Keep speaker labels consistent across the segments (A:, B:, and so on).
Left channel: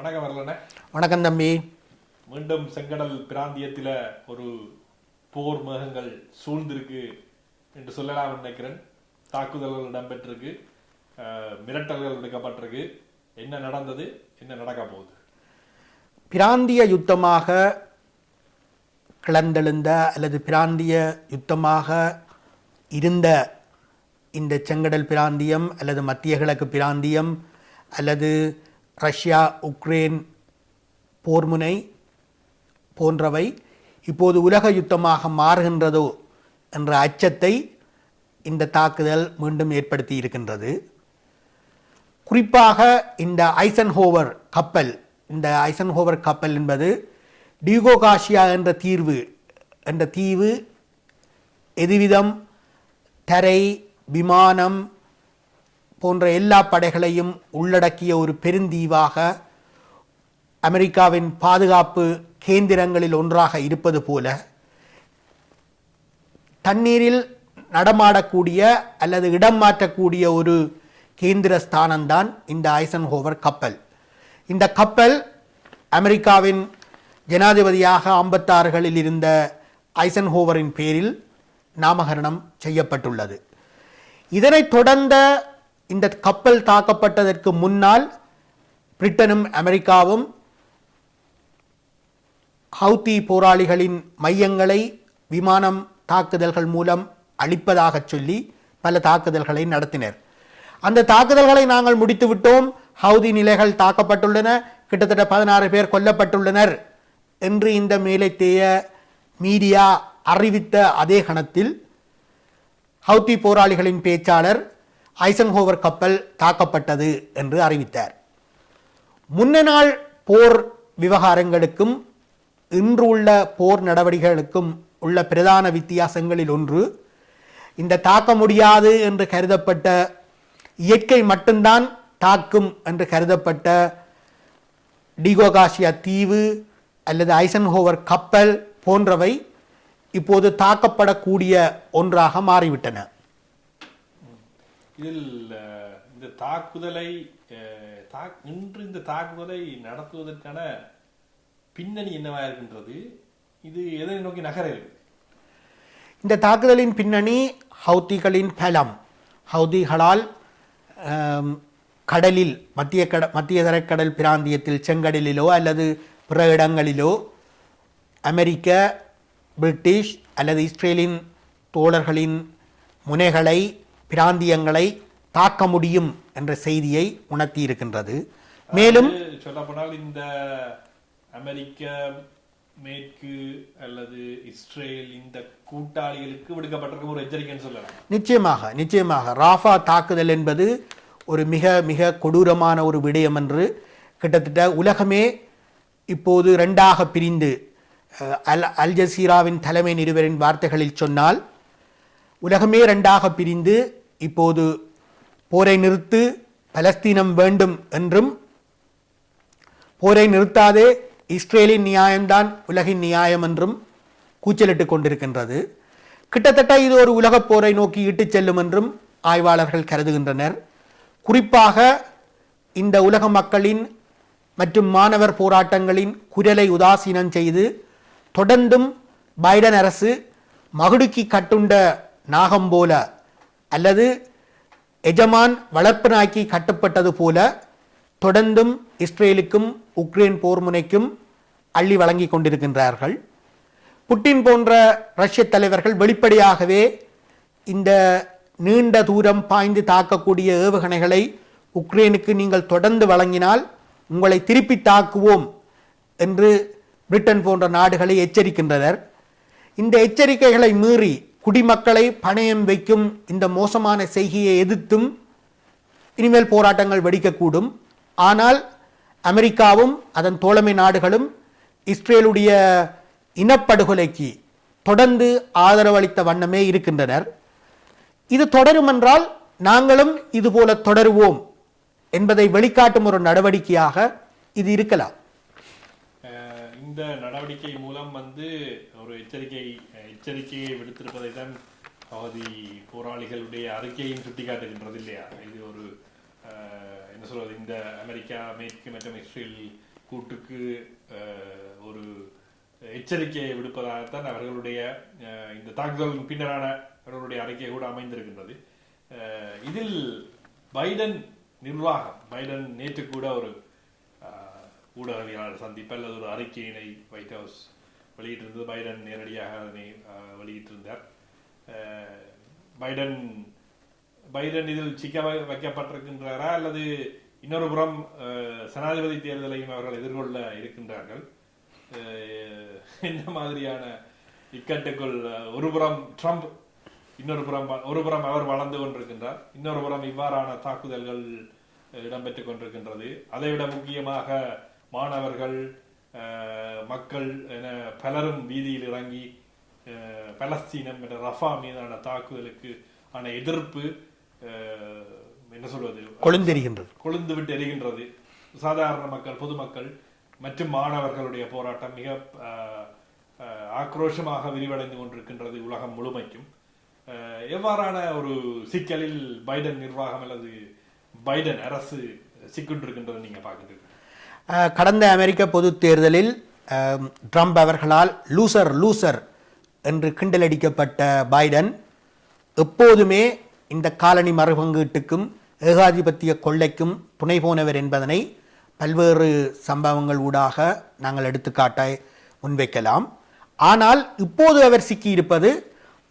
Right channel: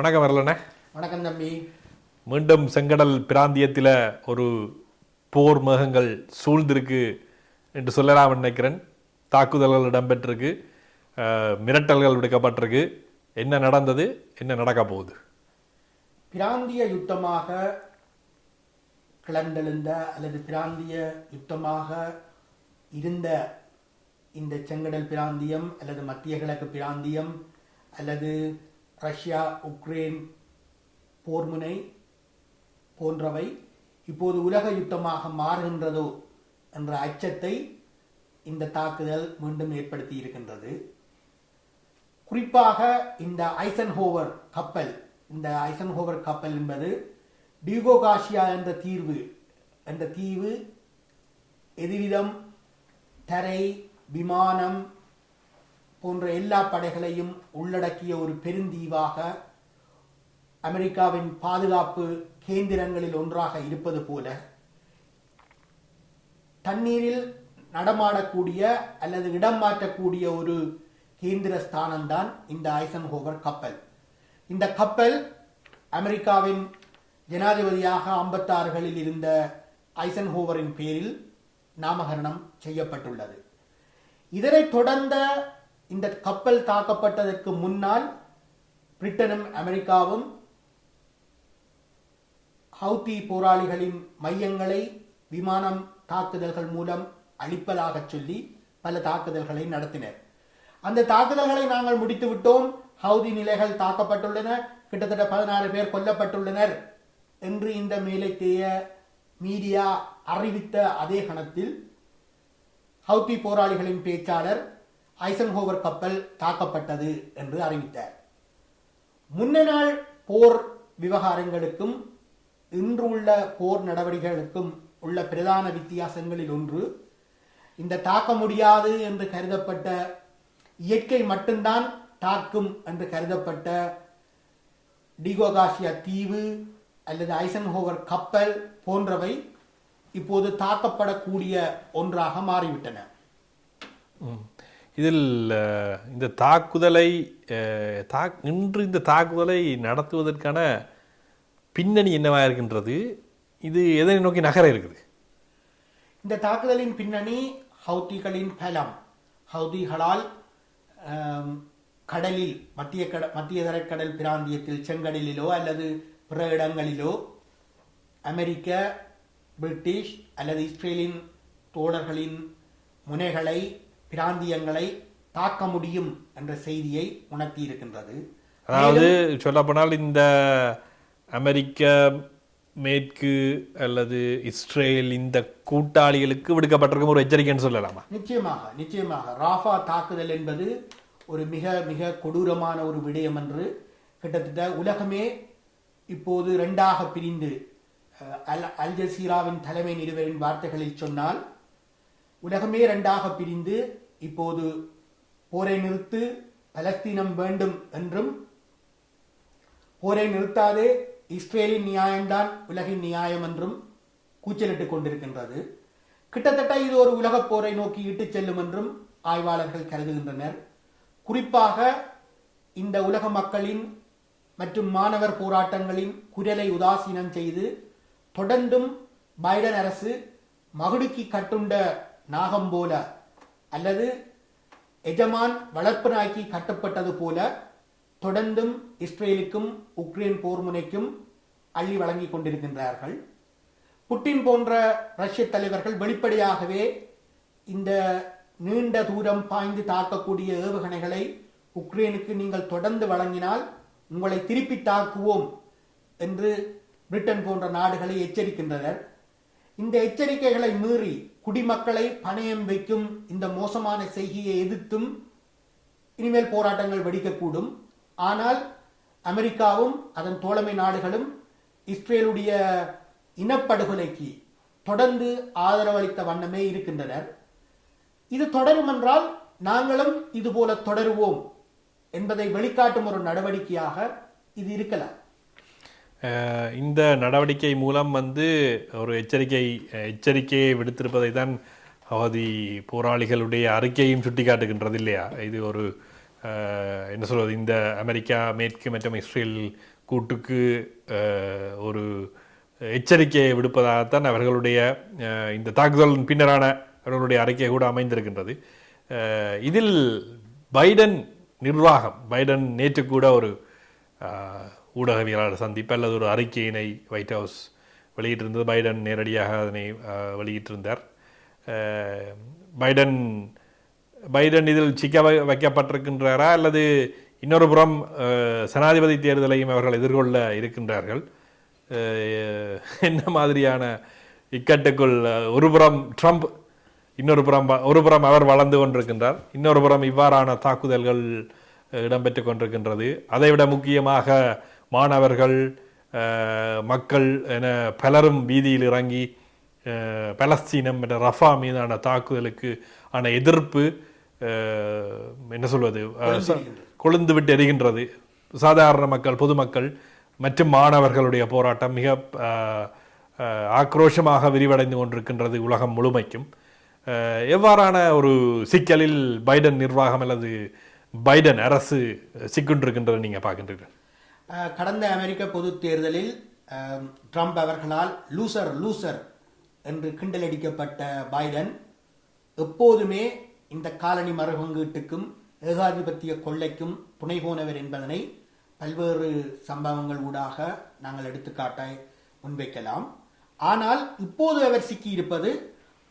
A: வணக்கம் வரலண்ணே.
B: வணக்கம் தம்பி.
A: மீண்டும் செங்கடல் பிராந்தியத்தில் ஒரு போர் மேகங்கள் சூழ்ந்திருக்கு என்று சொல்லலாம் நினைக்கிறேன். தாக்குதல்கள் இடம்பெற்றிருக்கு. மிரட்டல்கள் விடுக்கப்பட்டிருக்கு. என்ன நடந்தது? என்ன நடக்க போகுது?
B: பிராந்திய யுத்தமாக கிளந்தெழுந்த அல்லது பிராந்திய யுத்தமாக இருந்த இந்த செங்கடல் பிராந்தியம் அல்லது மத்திய கிழக்கு பிராந்தியம் அல்லது ரஷ்யா உக்ரைன் போர்முனை போன்றவை இப்போது உலக யுத்தமாக மாறுகின்றதோ என்ற அச்சத்தை இந்த தாக்குதல் மீண்டும் ஏற்படுத்தி இருக்கின்றது. குறிப்பாக இந்த ஐசன்ஹோவர் கப்பல் இந்த ஐசன்ஹோவர் கப்பல் என்பது டியூகோகாஷியா என்ற தீர்வு என்ற தீவு எதுவிதம் தரை விமானம் போன்ற எல்லா படைகளையும் உள்ளடக்கிய ஒரு பெருந்தீவாக அமெரிக்காவின் பாதுகாப்பு கேந்திரங்களில் ஒன்றாக இருப்பது போல தண்ணீரில் நடமாடக்கூடிய அல்லது இடம் மாற்றக்கூடிய ஒரு கேந்திர ஸ்தானம்தான் இந்த ஐசன்ஹோவர் கப்பல். இந்த கப்பல் அமெரிக்காவின் ஜனாதிபதியாக ஐம்பத்தாறுகளில் இருந்த ஐசன்ஹோவரின் பேரில் நாமகரணம் செய்யப்பட்டுள்ளது. இதனைத் தொடர்ந்த இந்த கப்பல் தாக்கப்பட்டதற்கு முன்னால் பிரிட்டனும் அமெரிக்காவும் ஹவுத்தி போராளிகளின் மையங்களை விமானம் தாக்குதல்கள் மூலம் அழிப்பதாகச் சொல்லி பல தாக்குதல்களை நடத்தினர். அந்த தாக்குதல்களை நாங்கள் முடித்துவிட்டோம் ஹவுதி நிலைகள் தாக்கப்பட்டுள்ளன. கிட்டத்தட்ட பதினாறு பேர் கொல்லப்பட்டுள்ளனர் என்று இந்த மேலைத்தேய மீடியா அறிவித்த அதே கணத்தில் ஹவுத்தி போராளிகளின் பேச்சாளர் ஐசன்ஹோவர் கப்பல் தாக்கப்பட்டது என்று அறிவித்தார். முன்ன நாள் போர் விவகாரங்களுக்கும் இன்று உள்ள போர் நடவடிக்கைகளுக்கும் உள்ள பிரதான வித்தியாசங்களில் ஒன்று இந்த தாக்க முடியாது என்று கருதப்பட்ட இயற்கை மட்டும்தான் தாக்கும் என்று கருதப்பட்ட டிகோகாஷியா தீவு அல்லது ஐசன்ஹோவர் கப்பல் போன்றவை இப்போது தாக்கப்படக்கூடிய ஒன்றாக மாறிவிட்டன.
A: இதில் இந்த தாக்குதலை தா நின்று இந்த தாக்குதலை நடத்துவதற்கான பின்னணி என்னவாக இருக்கின்றது? இது எதை நோக்கி நகர இருக்குது?
B: இந்த தாக்குதலின் பின்னணி ஹவுதிகளின் பலம். ஹவுதிகளால் கடலில் மத்திய கட மத்திய தரைக்கடல் பிராந்தியத்தில் செங்கடலிலோ அல்லது பிற இடங்களிலோ அமெரிக்க பிரிட்டிஷ் அல்லது இஸ்ரேலின் தோழர்களின் முனைகளை பிராந்தியங்களை தாக்க முடியும் என்ற செய்தியை உணர்த்தி இருக்கின்றது மேலும்
A: சொல்லப்போனால் இந்த அமெரிக்க மேற்கு அல்லது இஸ்ரேல் இந்த கூட்டாளிகளுக்கு விடுக்கப்பட்டிருக்கும் ஒரு எச்சரிக்கைன்னு சொல்லலாமா?
B: நிச்சயமாக நிச்சயமாக. ராஃபா தாக்குதல் என்பது ஒரு மிக மிக கொடூரமான ஒரு விடயம் என்று கிட்டத்தட்ட உலகமே இப்போது ரெண்டாக பிரிந்து அல் அல் ஜசீராவின் தலைமை நிருபரின் வார்த்தைகளில் சொன்னால் உலகமே ரெண்டாக பிரிந்து இப்போது போரை நிறுத்து பலஸ்தீனம் வேண்டும் என்றும் போரை நிறுத்தாதே இஸ்ரேலின் நியாயம்தான் உலகின் நியாயம் என்றும் கூச்சலிட்டுக் கொண்டிருக்கின்றது. கிட்டத்தட்ட இது ஒரு உலகப் போரை நோக்கி இட்டுச் செல்லும் என்றும் ஆய்வாளர்கள் கருதுகின்றனர். குறிப்பாக இந்த உலக மக்களின் மற்றும் மாணவர் போராட்டங்களின் குரலை உதாசீனம் செய்து தொடர்ந்தும் பைடன் அரசு மகுடுக்கி கட்டுண்ட நாகம் போல அல்லது எஜமான் வளர்ப்பு நாய்க்கு கட்டுப்பட்டது போல தொடர்ந்தும் இஸ்ரேலுக்கும் உக்ரைன் போர் முனைக்கும் அள்ளி வழங்கி கொண்டிருக்கின்றார்கள். புட்டின் போன்ற ரஷ்ய தலைவர்கள் வெளிப்படையாகவே இந்த நீண்ட தூரம் பாய்ந்து தாக்கக்கூடிய ஏவுகணைகளை உக்ரைனுக்கு நீங்கள் தொடர்ந்து வழங்கினால் உங்களை திருப்பி தாக்குவோம் என்று பிரிட்டன் போன்ற நாடுகளை எச்சரிக்கின்றனர். இந்த எச்சரிக்கைகளை மீறி குடிமக்களை பணயம் வைக்கும் இந்த மோசமான செய்கையை எதிர்த்தும் இனிமேல் போராட்டங்கள் வெடிக்கக்கூடும். ஆனால் அமெரிக்காவும் அதன் தோழமை நாடுகளும் இஸ்ரேலுடைய இனப்படுகொலைக்கு தொடர்ந்து ஆதரவளித்த வண்ணமே இருக்கின்றனர். இது தொடரும் என்றால் நாங்களும் இதுபோல தொடருவோம் என்பதை வெளிக்காட்டும் ஒரு நடவடிக்கையாக இது இருக்கலாம்.
A: இந்த நடவடிக்கை மூலம் வந்து ஒரு எச்சரிக்கை எச்சரிக்கையை விடுத்திருப்பதை தான் அவதி போராளிகளுடைய அறிக்கையும் சுட்டிக்காட்டுகின்றது இல்லையா? இது ஒரு என்ன சொல்வது இந்த அமெரிக்கா மேற்கு மற்றும் இஸ்ரேல் கூட்டுக்கு ஒரு எச்சரிக்கையை விடுப்பதாகத்தான் அவர்களுடைய இந்த தாக்குதலின் பின்னரான அவர்களுடைய அறிக்கை கூட அமைந்திருக்கின்றது. இதில் பைடன் நிர்வாகம் பைடன் நேற்று கூட ஒரு ஊடகவியலாளர் சந்திப்பு அல்லது ஒரு அறிக்கையினை ஒயிட் ஹவுஸ் வெளியிட்டிருந்தது. பைடன் நேரடியாக அதனை வெளியிட்டிருந்தார். பைடன் பைடன் இதில் சிக்க வை- வைக்கப்பட்டிருக்கின்றாரா? அல்லது இன்னொரு புறம் சனாதிபதி தேர்தலையும் அவர்கள் எதிர்கொள்ள இருக்கின்றார்கள். என்ன மாதிரியான இக்கட்டுக்குள் ஒரு புறம் ட்ரம்ப் இன்னொரு புறம் ஒரு புறம் அவர் வளர்ந்து கொண்டிருக்கின்றார். இன்னொரு புறம் இவ்வாறான தாக்குதல்கள் இடம்பெற்று கொண்டிருக்கின்றது. அதைவிட முக்கியமாக மாணவர்கள் மக்கள் என பலரும் வீதியில் இறங்கி பலஸ்தீனம் என்ற ரஃபா மீதான தாக்குதலுக்கு ஆன எதிர்ப்பு என்ன சொல்வது. கொழுந்து விட்டு எரிகின்றது சாதாரண மக்கள் பொதுமக்கள் மற்றும் மாணவர்களுடைய போராட்டம் மிக ஆக்ரோஷமாக விரிவடைந்து கொண்டிருக்கின்றது உலகம் முழுமைக்கும். எவ்வாறான ஒரு சிக்கலில் பைடன் நிர்வாகம் அல்லது பைடன் அரசு சிக்குண்டிருக்கின்றது நீங்க பார்க்கின்றீர்கள்?
B: கடந்த அமெரிக்க பொதுத் தேர்தலில் ட்ரம்ப் அவர்களால் லூசர் லூசர் என்று கிண்டலடிக்கப்பட்ட பைடன் எப்போதுமே இந்த காலனி மறுபங்கீட்டுக்கும் ஏகாதிபத்திய கொள்ளைக்கும் துணை போனவர் என்பதனை பல்வேறு சம்பவங்கள் ஊடாக நாங்கள் எடுத்துக்காட்டை முன்வைக்கலாம். ஆனால் இப்போது அவர் சிக்கியிருப்பது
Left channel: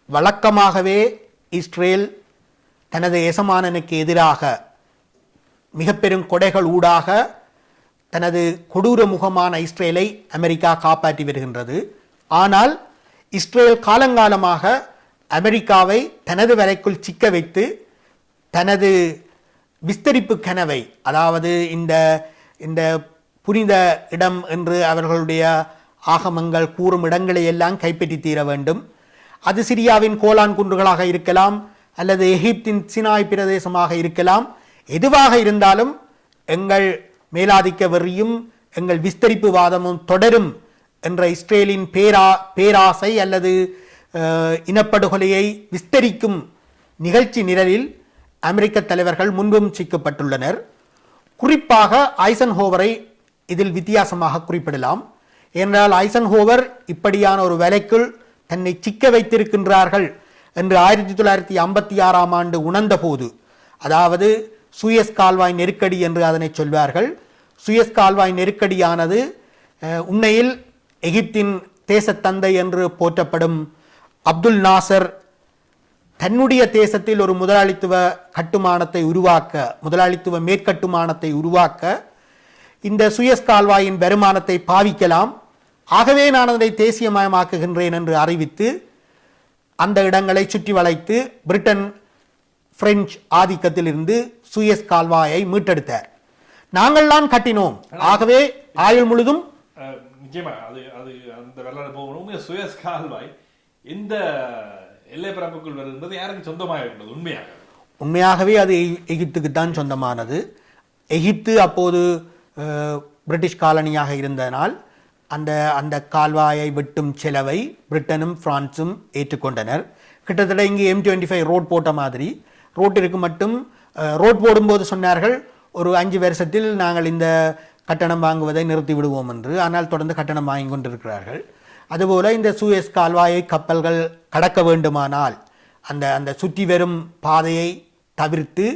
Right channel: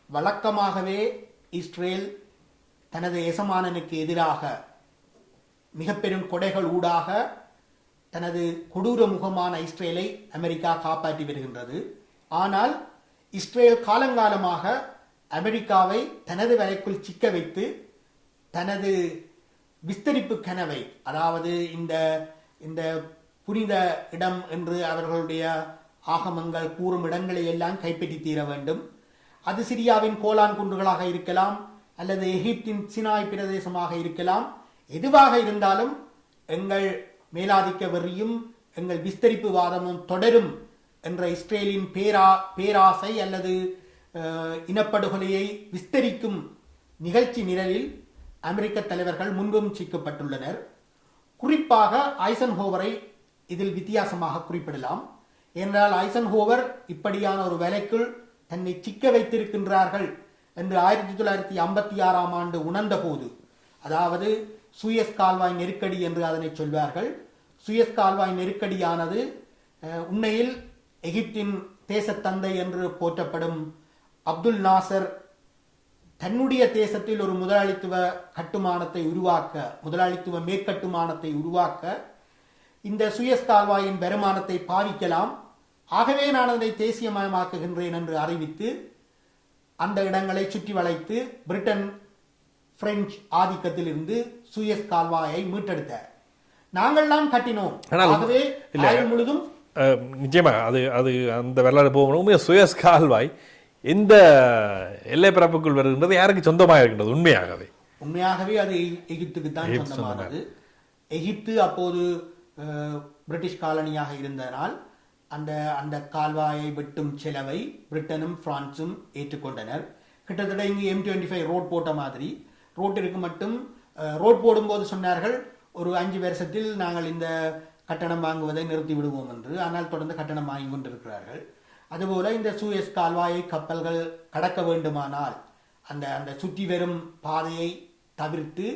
B: வழக்கமாகவே இஸ்ரேல் தனது எசமானனுக்கு எதிராக மிக பெரும் கொடைகள் ஊடாக தனது கொடூர முகமான இஸ்ரேலை அமெரிக்கா காப்பாற்றி வருகின்றது ஆனால் இஸ்ரேல் காலங்காலமாக அமெரிக்காவை தனது வரைக்குள் சிக்க வைத்து தனது விஸ்தரிப்பு கனவை அதாவது இந்த இந்த புனித இடம் என்று அவர்களுடைய ஆகமங்கள் கூறும் இடங்களை எல்லாம் கைப்பற்றி தீர வேண்டும். அது சிரியாவின் கோலான் குன்றுகளாக இருக்கலாம் அல்லது எகிப்தின் சினாய் பிரதேசமாக இருக்கலாம். எதுவாக இருந்தாலும் எங்கள் மேலாதிக்க வெறியும் எங்கள் விஸ்தரிப்பு வாதமும் தொடரும் என்ற இஸ்ரேலின் பேரா பேராசை அல்லது இனப்படுகொலையை விஸ்தரிக்கும் நிகழ்ச்சி நிரலில் அமெரிக்க தலைவர்கள் முன்பும் சிக்கப்பட்டுள்ளனர். குறிப்பாக ஐசன்ஹோவரை இதில் வித்தியாசமாக குறிப்பிடலாம். ஏனென்றால் ஐசன்ஹோவர் இப்படியான ஒரு வேலைக்குள் தன்னை சிக்க வைத்திருக்கின்றார்கள் என்று ஆயிரத்தி தொள்ளாயிரத்தி ஐம்பத்தி ஆறாம் ஆண்டு உணர்ந்தபோது. அதாவது சுயஸ் கால்வாய் நெருக்கடி என்று அதனை சொல்வார்கள். சுயஸ் கால்வாய் நெருக்கடியானது உண்மையில் எகிப்தின் தேசத்தந்தை என்று போற்றப்படும் அப்துல் நாசர் தன்னுடைய தேசத்தில் ஒரு முதலாளித்துவ கட்டுமானத்தை உருவாக்க முதலாளித்துவ மேற்கட்டுமானத்தை உருவாக்க இந்த சுயஸ் கால்வாயின் வருமானத்தை பாவிக்கலாம். ஆகவே நான் அதனை தேசியமயமாக்குகின்றேன் என்று அறிவித்து அந்த இடங்களை சுற்றி வளைத்து பிரிட்டன் பிரெஞ்சு ஆதிக்கத்திலிருந்து சுயஸ் கால்வாயை மீட்டெடுத்தார். நாங்கள்தான் கட்டினோம். ஆகவே ஆயுள் முழுதும்
A: நிச்சயமா அது அது அந்த வரலாறு போகணும் சுயஸ் கால்வாய் எந்த எல்லை பரப்புக்குள் வருகின்றது யாருக்கு சொந்தமாக இருக்கின்றது? உண்மையாகவே.
B: உண்மையாகவே அது எகி- எகிப்துக்கு தான் சொந்தமானது. எகிப்து அப்போது பிரிட்டிஷ் காலனியாக இருந்ததனால் அந்த அந்த கால்வாயை வெட்டும் செலவை பிரிட்டனும் பிரான்சும் ஏற்றுக்கொண்டனர். கிட்டத்தட்ட இங்கே எம் டுவெண்ட்டி ஃபைவ் ரோட் போட்ட மாதிரி. ரோட்டிற்கு மட்டும் ரோட் போடும்போது சொன்னார்கள் ஒரு அஞ்சு வருஷத்தில் நாங்கள் இந்த கட்டணம் வாங்குவதை நிறுத்தி விடுவோம் என்று. ஆனால் தொடர்ந்து கட்டணம் வாங்கி கொண்டிருக்கிறார்கள். அதுபோல் இந்த சூயஸ் கால்வாயை கப்பல்கள் கடக்க வேண்டுமானால் அந்த அந்த சுற்றி வரும் பாதையை தவிர்த்து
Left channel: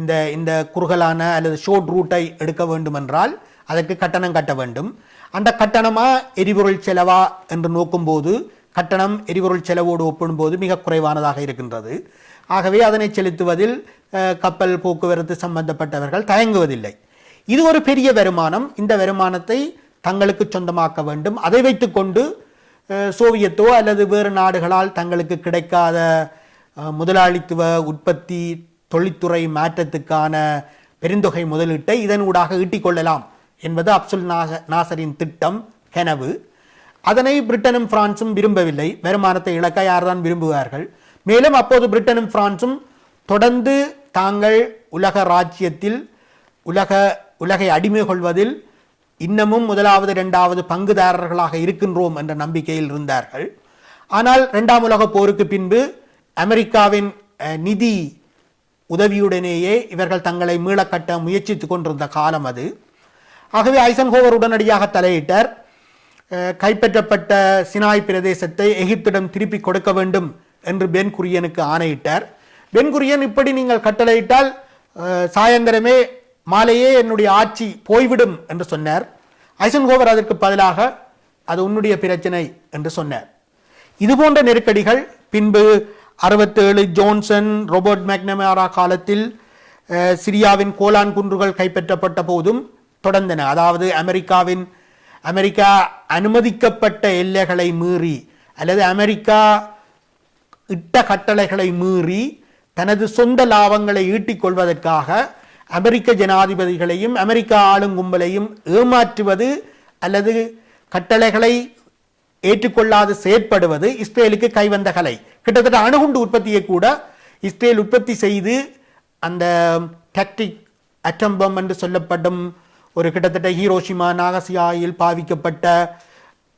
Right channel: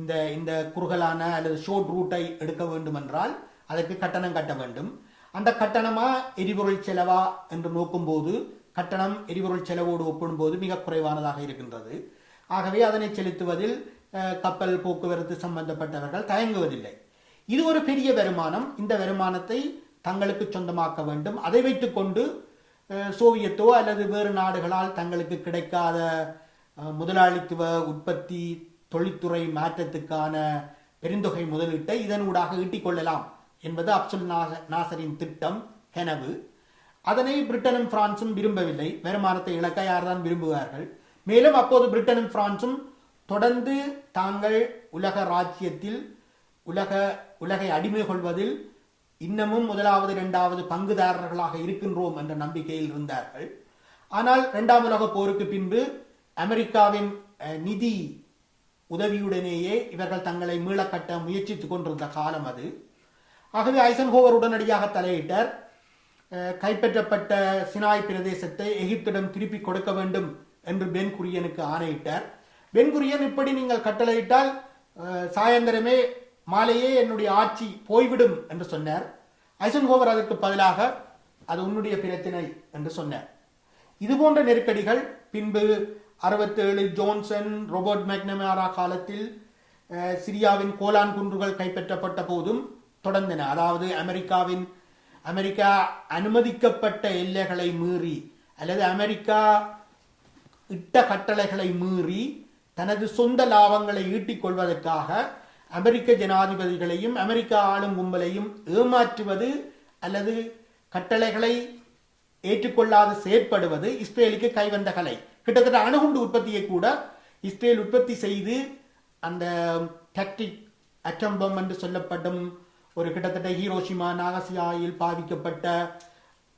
B: இந்த இந்த குறுகலான அல்லது ஷோர்ட் ரூட்டை எடுக்க வேண்டுமென்றால் அதற்கு கட்டணம் கட்ட வேண்டும். அந்த கட்டணமா எரிபொருள் செலவா என்று நோக்கும்போது கட்டணம் எரிபொருள் செலவோடு ஒப்பிடும்போது மிக குறைவானதாக இருக்கின்றது. ஆகவே அதனை செலுத்துவதில் கப்பல் போக்குவரத்து சம்பந்தப்பட்டவர்கள் தயங்குவதில்லை. இது ஒரு பெரிய வருமானம். இந்த வருமானத்தை தங்களுக்கு சொந்தமாக்க வேண்டும். அதை வைத்துக்கொண்டு சோவியத்தோ அல்லது வேறு நாடுகளால் தங்களுக்கு கிடைக்காத முதலாளித்துவ உற்பத்தி தொழில்துறை மாற்றத்துக்கான பெருந்தொகை முதலீட்டை இதனூடாக ஈட்டிக் கொள்ளலாம் என்பது அப்சுல் நாக நாசரின் திட்டம் கெனவு. அதனை பிரிட்டனும் பிரான்சும் விரும்பவில்லை. வருமானத்தை இழக்க யார்தான் விரும்புவார்கள்? மேலும் அப்போது பிரிட்டனும் பிரான்சும் தொடர்ந்து தாங்கள் உலக ராஜ்யத்தில் உலக உலகை அடிமை கொள்வதில் இன்னமும் முதலாவது இரண்டாவது பங்குதாரர்களாக இருக்கின்றோம் என்ற நம்பிக்கையில் இருந்தார்கள். ஆனால் இரண்டாம் உலக போருக்கு பின்பு அமெரிக்காவின் நிதி உதவியுடனேயே இவர்கள் தங்களை மீளக்கட்ட முயற்சித்துக் கொண்டிருந்த காலம் அது. ஆகவே ஐசன்ஹோவர் உடனடியாக தலையிட்டார். கைப்பற்றப்பட்ட சினாய் பிரதேசத்தை எகிப்திடம் திருப்பி கொடுக்க வேண்டும் என்று பென் குரியனுக்கு ஆணையிட்டார். பென் குரியன் இப்படி நீங்கள் கட்டளையிட்டால் சாயந்தரமே மாலையே என்னுடைய ஆட்சி போய்விடும் என்று சொன்னார். ஐசன்ஹோவர் அதற்கு பதிலாக அது உன்னுடைய பிரச்சனை என்று சொன்னார். இது போன்ற நெருக்கடிகள் பின்பு அறுபத்தேழு ஜோன்சன் ரோபர்ட் மேக்னமாரா காலத்தில் சிரியாவின் கோலான் குன்றுகள் கைப்பற்றப்பட்ட போதும் தொடர்ந்தன. அதாவது அமெரிக்காவின் அமெரிக்கா அனுமதிக்கப்பட்ட எல்லைகளை மீறி அல்லது அமெரிக்கா இட்ட கட்டளைகளை மீறி தனது சொந்த லாபங்களை ஈட்டிக் கொள்வதற்காக அமெரிக்க ஜனாதிபதிகளையும் அமெரிக்க ஆளும் கும்பலையும் ஏமாற்றுவது அல்லது கட்டளைகளை ஏற்றுக்கொள்ளாது செயற்படுவது இஸ்ரேலுக்கு கைவந்த கலை. கிட்டத்தட்ட அணுகுண்டு உற்பத்தியை கூட இஸ்ரேல் உற்பத்தி செய்து அந்த டாக்டிக் அட்டம்பம் என்று சொல்லப்படும் ஒரு கிட்டத்தட்ட ஹீரோஷிமா நாகசியாயில் பாவிக்கப்பட்ட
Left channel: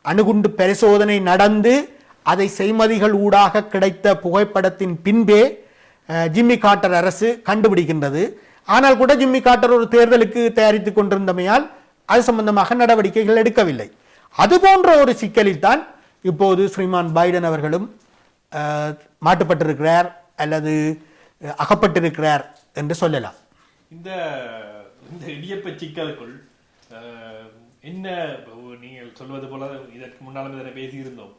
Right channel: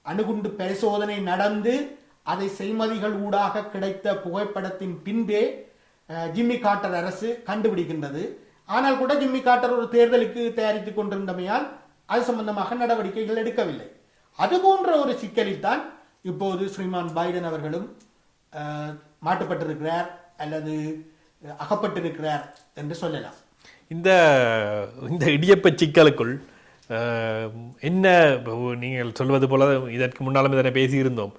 B: அணுகுண்டு பரிசோதனை நடந்து அதை செய்மதிகள் ஊடாக கிடைத்த புகைப்படத்தின் பின்பே ஜிம்மி காட்டர் அரசு கண்டுபிடிக்கின்றது. ஆனால் கூட ஜிம்மி காட்டர் ஒரு தேர்தலுக்கு தயாரித்துக் கொண்டிருந்தமையால் அது சம்பந்தமாக நடவடிக்கைகள் எடுக்கவில்லை. அது போன்ற ஒரு சிக்கலில் தான் இப்போது ஸ்ரீமான் பைடன் அவர்களும் மாட்டுப்பட்டிருக்கிறார் அல்லது அகப்பட்டிருக்கிறார் என்று சொல்லலாம்.
A: இந்த இந்த இடியப்ப சிக்கலுக்குள் என்ன நீங்கள் சொல்வது போல இதற்கு முன்னாலும் இதனை பேசியிருந்தோம்.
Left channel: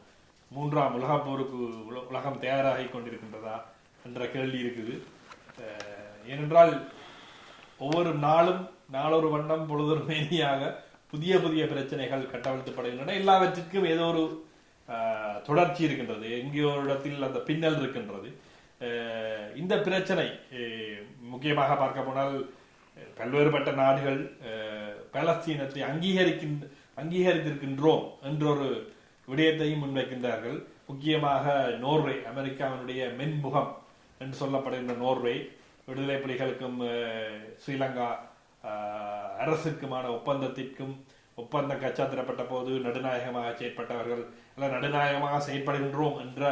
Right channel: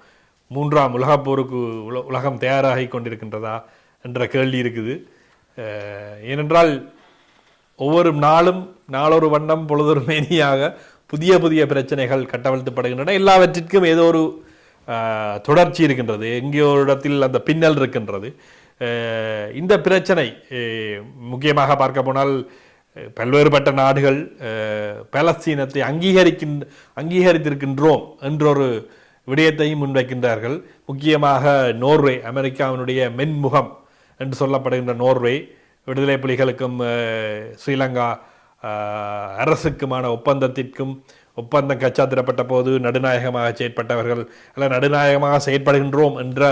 A: மூன்றாம் உலகப் போருக்கு உல- உலகம் தயாராகி கொண்டிருக்கின்றதா என்ற கேள்வி இருக்குது. ஏனென்றால் ஒவ்வொரு நாளும் நாளொரு வண்ணம் பொழுதொரு மேனியாக புதிய புதிய பிரச்சனைகள் கட்டவிழ்த்துப்படுகின்றன. எல்லாவற்றிற்கும் ஏதோ ஒரு தொடர்ச்சி இருக்கின்றது. எங்கேயோ இடத்தில் அந்த பின்னல் இருக்கின்றது. இந்த பிரச்சனை முக்கியமாக பார்க்க போனால் பல்வேறுபட்ட நாடுகள் பலஸ்தீனத்தை அங்கீகரிக்கின் அங்கீகரிக்கின்ற அங்கீகரித்திருக்கின்றோம் என்றொரு விடயத்தையும் முன்வைக்கின்றார்கள். முக்கியமாக நோர்வே அமெரிக்காவினுடைய மென்முகம் என்று சொல்லப்படுகின்ற நோர்வே விடுதலை புலிகளுக்கும் ஸ்ரீலங்கா அரசுக்குமான ஒப்பந்தத்திற்கும் ஒப்பந்தம் கச்சாத்திரப்பட்ட போது நடுநாயகமாக செயற்பட்டவர்கள் அல்ல நடுநாயகமாக செயற்படுகின்றோம் என்ற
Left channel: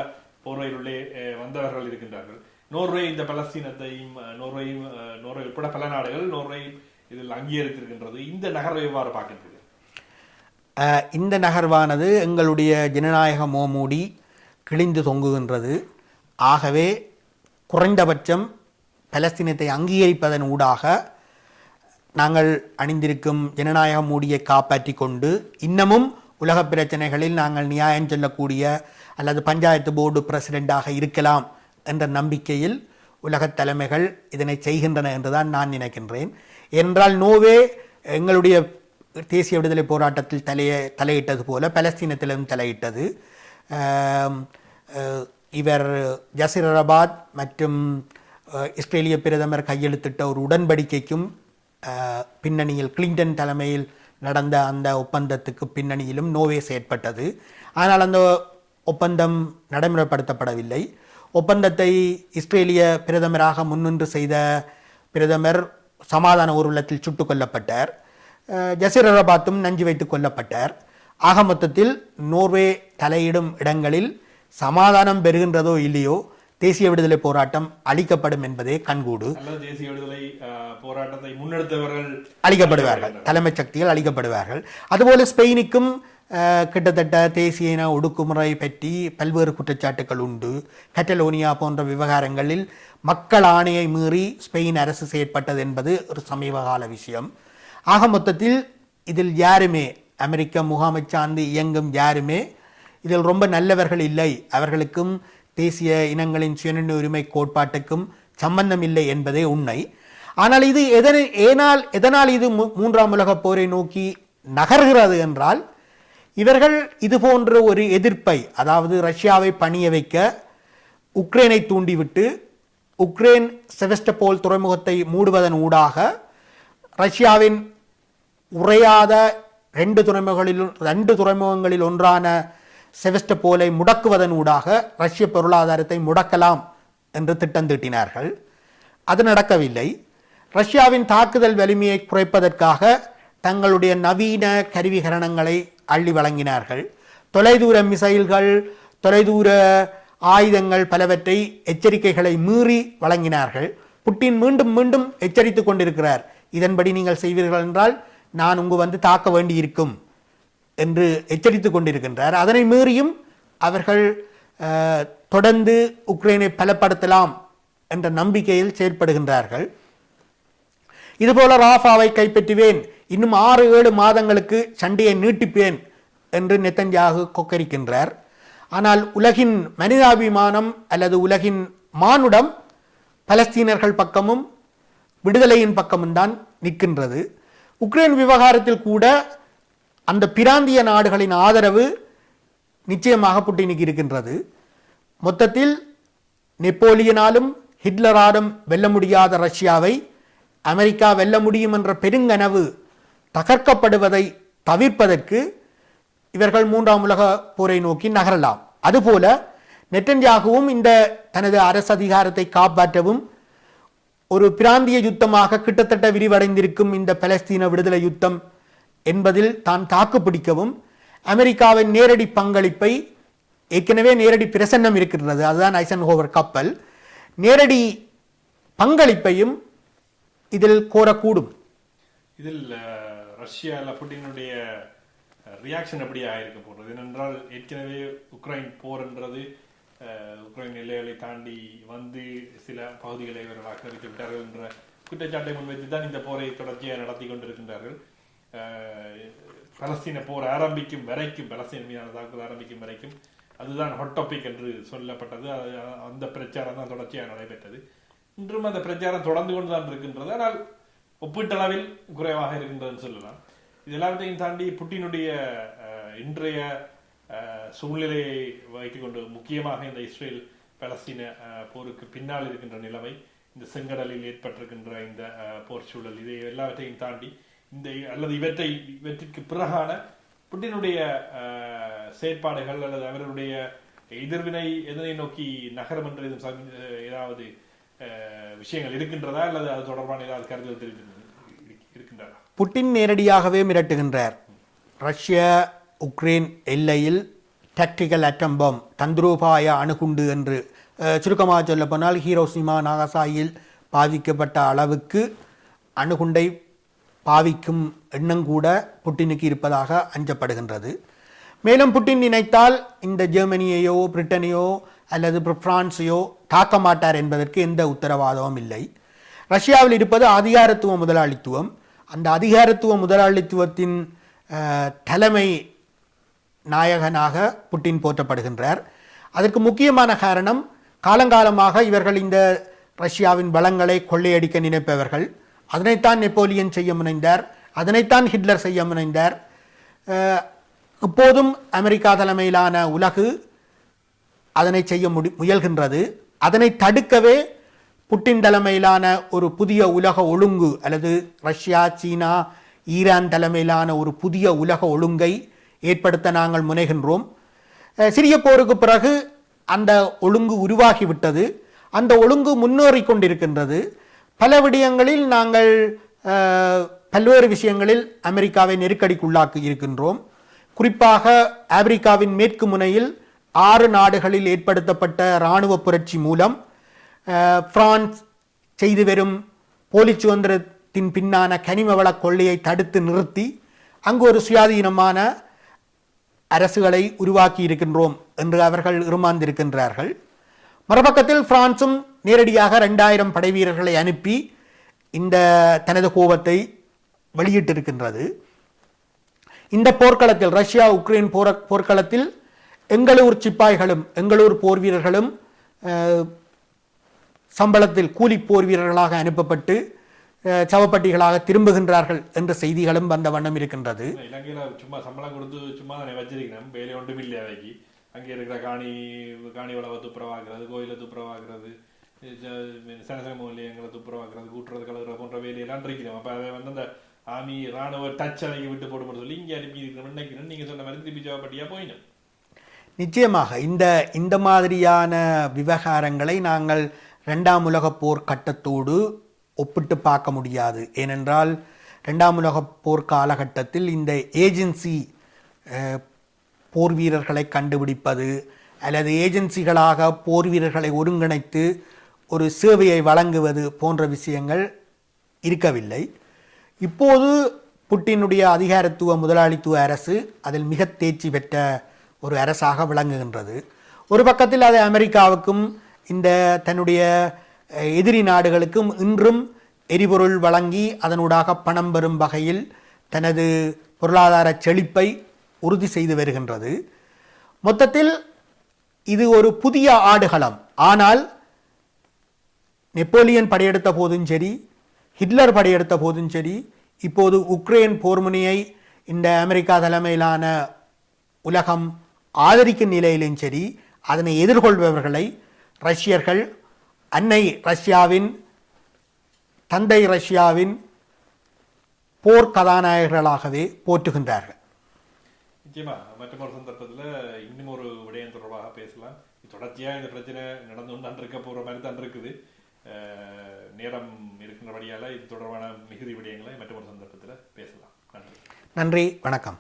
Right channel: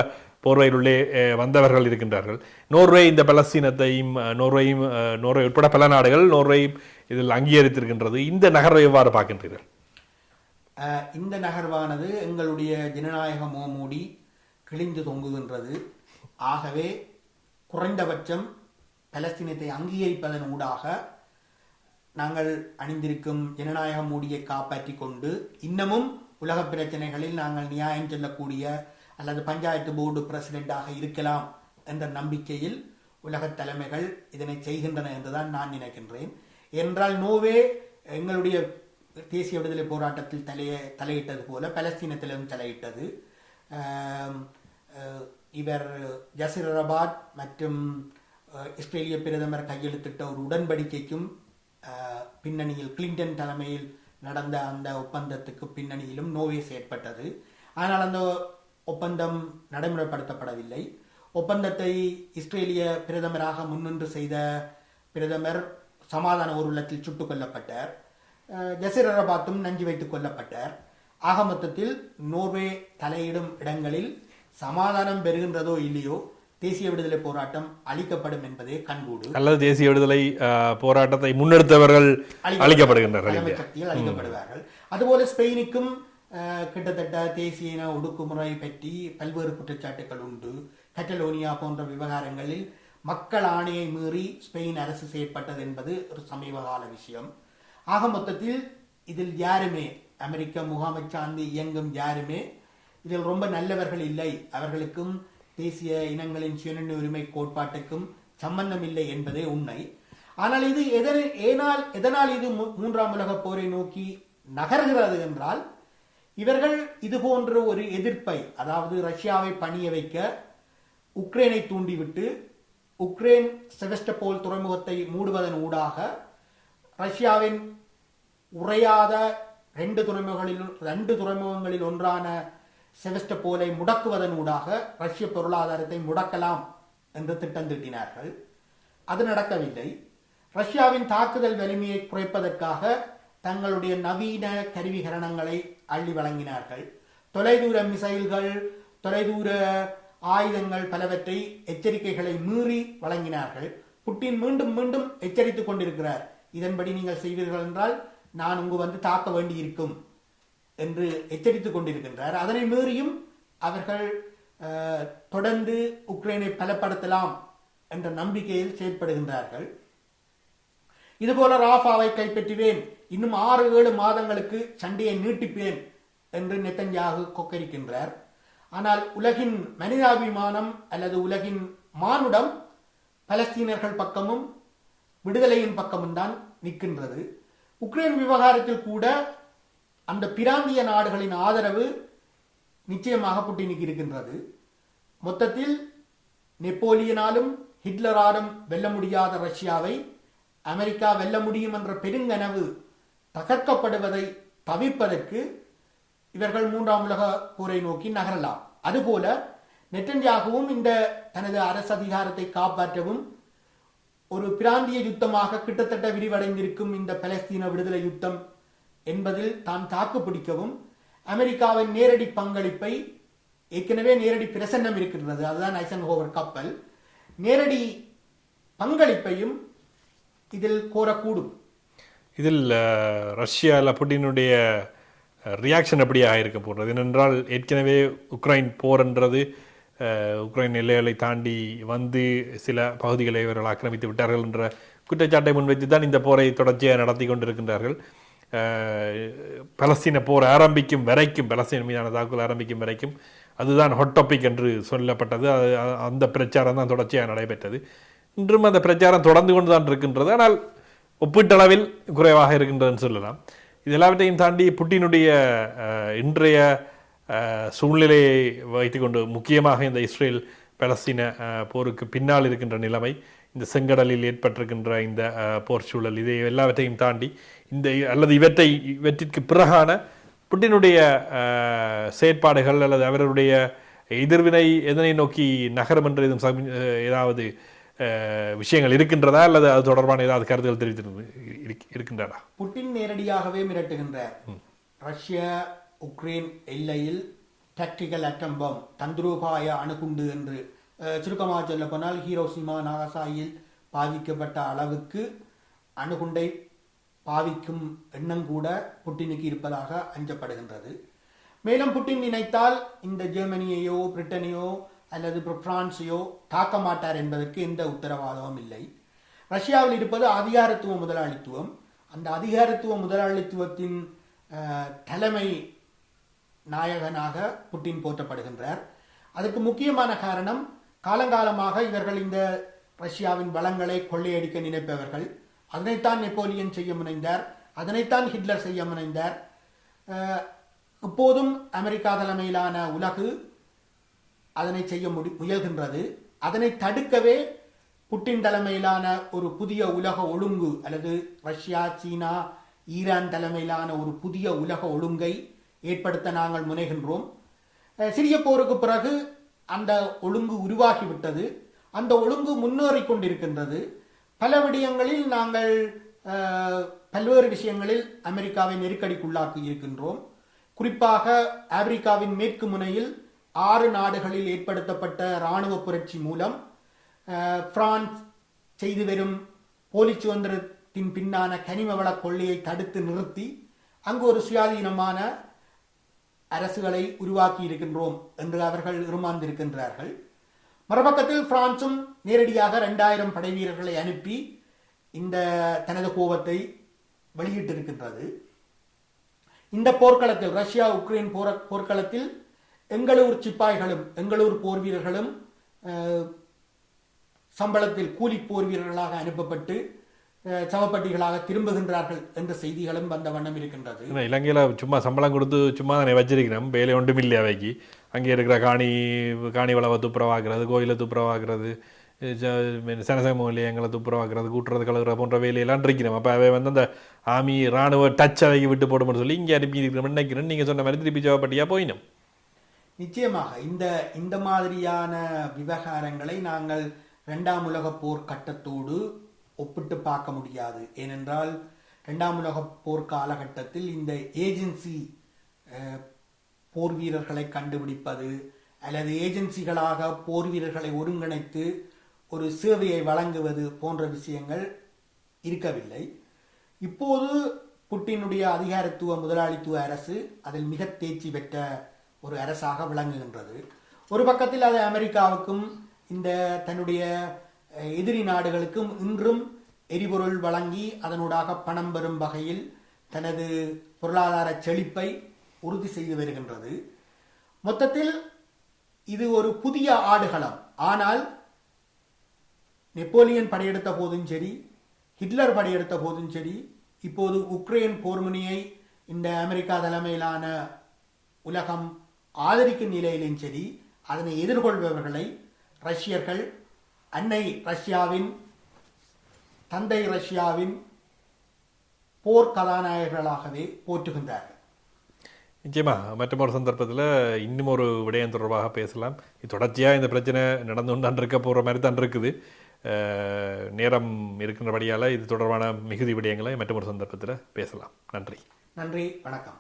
A: போர்வையிலுள்ளே உள்ளே வந்தவர்கள் இருக்கின்றார்கள். நோர்வே இந்த பலஸ்தீனத்தையும் நோர்வேயும் நோர்வே உட்பட பல நாடுகள் நோர்வேயும் இதில் அங்கீகரித்திருக்கின்றது. இந்த நகரை எவ்வாறு பார்க்கின்றீர்கள்?
B: இந்த நகர்வானது எங்களுடைய ஜனநாயக மோமூடி கிழிந்து தொங்குகின்றது. ஆகவே குறைந்தபட்சம் பலஸ்தீனத்தை அங்கீகரிப்பதன் ஊடாக நாங்கள் அணிந்திருக்கும் ஜனநாயக மூடியை காப்பாற்றி கொண்டு இன்னமும் உலக பிரச்சனைகளில் நாங்கள் நியாயம் சொல்லக்கூடிய அல்லது பஞ்சாயத்து போர்டு பிரசிடெண்டாக இருக்கலாம் என்ற நம்பிக்கையில் உலக தலைமைகள் இதனை செய்கின்றன என்றுதான் நான் நினைக்கின்றேன். என்றால் நோவே எங்களுடைய தேசிய விடுதலை போராட்டத்தில் தலைய தலையிட்டது போல பலஸ்தீனத்திலும் தலையிட்டது. இவர் ஜசிரபாத் மற்றும் இஸ்ரேலிய பிரதமர் கையெழுத்திட்ட ஒரு உடன்படிக்கைக்கும் பின்னணியில் கிளின்டன் தலைமையில் நடந்த அந்த ஒப்பந்தத்துக்கு பின்னணியிலும் நோவே செயற்பட்டது. ஆனால் அந்த ஒப்பந்தம் நடைமுறைப்படுத்தப்படவில்லை. ஒப்பந்தத்தை இஸ்ரேலிய பிரதமராக முன்னின்று செய்த பிரதமர் சமாதான ஊர்வலத்தில் சுட்டுக் கொல்லப்பட்டார். அஹ், ஜசீர் அரபாத்தும் நஞ்சு வைத்துக் கொல்லப்பட்டார். ஆக மொத்தத்தில் நோர்வே தலையிடும் இடங்களில் சமாதானம் பெறுகின்றதோ இல்லையோ தேசிய விடுதலை போராட்டம் அளிக்கப்படும் என்பதே கண்கூடு.
A: அல்லது தேசிய விடுதலை போராட்டத்தை முன்னெடுத்தவர்கள் அளிக்கப்படுகின்றனர்.
B: தலைமை சக்திகள் அளிக்கப்படுவார்கள். அதுபோல ஸ்பெயினுக்கும் கிட்டத்தட்ட தேசிய இன ஒடுக்குமுறை பற்றி பல்வேறு குற்றச்சாட்டுகள் உண்டு. கட்டலோனியா போன்ற விவகாரங்களில் மக்கள் ஆணையை மீறி ஸ்பெயின் அரசு செயற்பட்டது என்பது ஒரு சமீபகால விஷயம். ஆக மொத்தத்தில் இதில் யாருமே அமெரிக்க முகாமை சார்ந்து இயங்கும் யாருமே இதில் ரொம்ப நல்லவர்கள் இல்லை. அவர்களுக்கும் தேசிய இனங்களின் சுயநிர்ணய உரிமை கோட்பாட்டுக்கும் சம்பந்தம் இல்லை என்பதே உண்மை. ஆனால் இது எதனை ஏனால் எதனால் இது மூன்றாம் உலகப் போரை நோக்கி நகர்கிறது என்றால் இவர்கள் இது போன்ற ஒரு எதிர்ப்பை அதாவது ரஷ்யாவை பணிய வைக்க உக்ரைனை தூண்டிவிட்டு உக்ரைன் செவஸ்டபோல் துறைமுகத்தை மூடுவதன் ஊடாக ரஷ்யாவின் உறையாத ரெண்டு துறைமுகங்களில் ரெண்டு துறைமுகங்களில் ஒன்றான செவஸ்டபோலை முடக்குவதன் ஊடாக ரஷ்ய பொருளாதாரத்தை முடக்கலாம் என்று திட்டம் தீட்டினார்கள். அது நடக்கவில்லை. ரஷ்யாவின் தாக்குதல் வலிமையை குறைப்பதற்காக தங்களுடைய நவீன கருவிகரணங்களை அள்ளி வழங்கினார்கள். தொலைதூர மிசைல்கள் தொலைதூர ஆயுதங்கள் பலவற்றை எச்சரிக்கைகளை மீறி வழங்கினார்கள். புட்டின் மீண்டும் மீண்டும் எச்சரித்துக் கொண்டிருக்கிறார். இதன்படி நீங்கள் செய்வீர்கள் என்றால் நான் உங்கு வந்து தாக்க வேண்டி இருக்கும் என்று எச்சரித்து கொண்டிருக்கின்றார். அதனை மீறியும் அவர்கள் தொடர்ந்து உக்ரைனை பலப்படுத்தலாம் என்ற நம்பிக்கையில் செயற்படுகின்றார்கள். இதுபோல ராஃபாவை கைப்பற்றுவேன். இன்னும் ஆறு ஏழு மாதங்களுக்கு சண்டையை நீட்டிப்பேன் என்று நெத்தன்யாகு கொக்கரிக்கின்றார். ஆனால் உலகின் மனிதாபிமானம் அல்லது உலகின் மானுடம் பலஸ்தீனர்கள் பக்கமும் விடுதலையின் பக்கமும் தான் நிற்கின்றது. உக்ரைன் விவகாரத்தில் கூட அந்த பிராந்திய நாடுகளின் ஆதரவு நிச்சயமாக புட்டினுக்கு இருக்கின்றது. மொத்தத்தில் நெப்போலியனாலும் ஹிட்லராலும் வெல்ல முடியாத ரஷ்யாவை அமெரிக்கா வெல்ல முடியும் என்ற பெருங்கனவு தகர்க்கப்படுவதை தவிர்ப்பதற்கு இவர்கள் மூன்றாம் உலக போரை நோக்கி நகரலாம். அதுபோல நெட்டன்யாகவும் இந்த தனது அரசு அதிகாரத்தை காப்பாற்றவும் ஒரு பிராந்திய யுத்தமாக கிட்டத்தட்ட விரிவடைந்திருக்கும் இந்த பலஸ்தீன விடுதலை யுத்தம் என்பதில் தான் தாக்கு பிடிக்கவும் அமெரிக்காவின் நேரடி பங்களிப்பை ஏற்கனவே நேரடி பிரசன்னம் இருக்கின்றது அதுதான் ஐசன்ஹோவர் கப்பல். நேரடி பங்களிப்பையும் இதில் கோரக்கூடும்.
A: இதில் ரஷ்யாவில் புட்டினுடைய ரியாக்ஷன் எப்படியாக இருக்க போகிறது ஏனென்றால் ஏற்கனவே உக்ரைன் போர்ன்றது என்றது உக்ரைன் எல்லைகளை தாண்டி வந்து சில பகுதிகளை இவர்கள் ஆக்கிரமித்து விட்டார்கள் என்ற குற்றச்சாட்டை முன்வைத்து தான் இந்த போரை தொடர்ச்சியாக நடத்தி கொண்டிருக்கின்றார்கள். பலஸ்தீன போர் ஆரம்பிக்கும் வரைக்கும் பலஸ்தீன மீதான தாக்குதல் ஆரம்பிக்கும் வரைக்கும் அதுதான் ஹொட் டாபிக் என்று சொல்லப்பட்டது. அது அந்த பிரச்சாரம் தான் தொடர்ச்சியாக நடைபெற்றது. இன்றும் அந்த பிரச்சாரம் தொடர்ந்து கொண்டு தான் இருக்கின்றது. ஆனால் ஒப்பீட்டளவில் குறைவாக இருக்கின்றதுன்னு சொல்லலாம். இது எல்லாவற்றையும் தாண்டி புட்டினுடைய இன்றைய சூழ்நிலையை வைத்துக்கொண்டு முக்கியமாக இந்த இஸ்ரேல் பலஸ்தீன போருக்கு பின்னால் இருக்கின்ற நிலைமை இந்த செங்கடலில் ஏற்பட்டிருக்கின்ற இந்த போர் சூழல் இதை எல்லாவற்றையும் தாண்டி இந்த அல்லது இவற்றை இவற்றிற்கு பிறகான புட்டினுடைய செயற்பாடுகள் அல்லது அவருடைய எதிர்வினை எதனை நோக்கி நகரும் என்று எதுவும் ஏதாவது விஷயங்கள் இருக்கின்றதா அல்லது அது தொடர்பான ஏதாவது கருத்துகள் தெரிவித்து இருக்கின்றதா?
B: புட்டின் நேரடியாகவே மிரட்டுகின்றார். ரஷ்ய உக்ரைன் எல்லையில் டாக்டிக்கல் அட்டம் பாம் தந்திரோபாய அணுகுண்டு என்று சுருக்கமாக சொல்லப்போனால் ஹீரோ ஹீரோசிமா நாகசாயில் பாதிக்கப்பட்ட அளவுக்கு அணுகுண்டை பாவிக்கும் எண்ணம் கூட புட்டினுக்கு இருப்பதாக அஞ்சப்படுகின்றது. மேலும் புட்டின் நினைத்தால் இந்த ஜெர்மனியையோ பிரிட்டனையோ அல்லது பிரான்ஸையோ தாக்க மாட்டார் என்பதற்கு எந்த உத்தரவாதமும் இல்லை. ரஷ்யாவில் இருப்பது அதிகாரத்துவ முதலாளித்துவம். அந்த அதிகாரத்துவ முதலாளித்துவத்தின் தலைமை நாயகனாக புட்டின் போற்றப்படுகின்றார். அதற்கு முக்கியமான காரணம் காலங்காலமாக இவர்கள் இந்த ரஷ்யாவின் வளங்களை கொள்ளையடிக்க நினைப்பவர்கள். அதனைத்தான் நெப்போலியன் செய்ய முனைந்தார். அதனைத்தான் ஹிட்லர் செய்ய முனைந்தார். இப்போதும் அமெரிக்கா தலைமையிலான உலகு அதனை செய்ய முடி முயல்கின்றது. அதனை தடுக்கவே புட்டின் தலைமையிலான ஒரு புதிய உலக ஒழுங்கு அல்லது ரஷ்யா சீனா ஈரான் தலைமையிலான ஒரு புதிய உலக ஒழுங்கை ஏற்படுத்த நாங்கள் முனைகின்றோம். சிறிய போருக்கு பிறகு அந்த ஒழுங்கு உருவாகிவிட்டது. அந்த ஒழுங்கு முன்னேறி கொண்டிருக்கின்றது. பல விடயங்களில் நாங்கள் பல்வேறு விஷயங்களில் அமெரிக்காவை நெருக்கடிக்குள்ளாக்கி இருக்கின்றோம். குறிப்பாக ஆப்பிரிக்காவின் மேற்கு முனையில் ஆறு நாடுகளில் ஏற்படுத்தப்பட்ட இராணுவ புரட்சி மூலம் பிரான்ஸ் செய்து வரும் போலி சுதந்திரத்தின் பின்னான கனிம வள கொள்ளையை தடுத்து நிறுத்தி அங்கு ஒரு சுயாதீனமான அரசுகளை உருவாக்கியிருக்கின்றோம் என்று அவர்கள் இருமாந்திருக்கின்றார்கள் மறுபக்கத்தில் பிரான்சும் நேரடியாக ரெண்டாயிரம் படை வீரர்களை அனுப்பி இந்த தனது கோபத்தை வெளியிட்டிருக்கின்றது. இந்த போர்க்களத்தில் ரஷ்யா உக்ரைன் போர போர்க்களத்தில் எங்களூர் சிப்பாய்களும் எங்களூர் போர் வீரர்களும் சம்பளத்தில் கூலி போர் வீரர்களாக அனுப்பப்பட்டு சவப்பட்டிகளாக திரும்புகின்றார்கள் என்ற செய்திகளும் வந்த வண்ணம் இருக்கின்றது.
A: இலங்கையில சும்மா சம்பளம் கொடுத்து சும்மா தானே வச்சிருக்கிறோம் வேலை ஒன்றும் இல்லை அவைக்கு. அங்கே இருக்கிற காணி காணி வளவை துப்புரவாக்குறது கோயிலை துப்புரவாக்குறது சனசம நிலையங்களை துப்புரவாக்குறது கூட்டுறது கலகுற போன்ற வேலையெல்லாம் இருக்கிறோம். அப்போ அவை வந்து அந்த ஆமி ராணுவ டச் அவைக்கு விட்டு போடும்னு சொல்லி இங்கே அனுப்பி இருக்கிறோம். நினைக்கிறேன் நீங்கள் சொன்ன மாதிரி திருப்பி ஜவப்பட்டியாக போயிடும்.
B: நிச்சயமாக இந்த இந்த மாதிரியான விவகாரங்களை நாங்கள் இரண்டாம் உலகப் போர் கட்டத்தோடு ஒப்பிட்டு பார்க்க முடியாது. ஏனென்றால் ரெண்டாம் உலக போர் காலகட்டத்தில் இந்த ஏஜென்சி போர் வீரர்களை கண்டுபிடிப்பது அல்லது ஏஜென்சிகளாக போர் வீரர்களை ஒருங்கிணைத்து ஒரு சேவையை வழங்குவது போன்ற விஷயங்கள் இருக்கவில்லை. இப்போது புட்டினுடைய அதிகாரத்துவ முதலாளித்துவ அரசு அதில் மிக தேர்ச்சி பெற்ற ஒரு அரசாக விளங்குகின்றது. ஒரு பக்கத்தில் அது அமெரிக்காவுக்கும் இந்த தன்னுடைய எதிரி நாடுகளுக்கும் இன்றும் எரிபொருள் வழங்கி அதனூடாக பணம் பெறும் வகையில் தனது பொருளாதார செழிப்பை உறுதி செய்து வருகின்றது. மொத்தத்தில் இது ஒரு புதிய ஆடுகளம். ஆனால் நெப்போலியன் படையெடுத்த போதும் சரி ஹிட்லர் படையெடுத்த போதும் சரி இப்போது உக்ரைன் போர்முனையை இந்த அமெரிக்கா தலைமையிலான உலகம் ஆதரிக்கும் நிலையிலும் சரி அதனை எதிர்கொள்பவர்களை ரஷ்யர்கள் அன்னை ரஷ்யாவின் தந்தை ரஷ்யாவின் போர் கதாநாயகர்களாகவே போற்றுகின்றார்கள்.
A: நிச்சயமா மற்றொரு சந்தர்ப்பத்தில் இன்னும் ஒரு விடயம் தொடர்பாக பேசலாம். இது தொடர்ச்சியாக இந்த பிரச்சனை நடந்து கொண்டு இருக்க போகிற மாதிரி தான் இருக்குது. நேரம் இருக்கின்றபடியால் இது தொடர்பான மிகுதி விடயங்களை மற்றொரு சந்தர்ப்பத்தில் பேசலாம். நன்றி.
B: நன்றி வணக்கம்.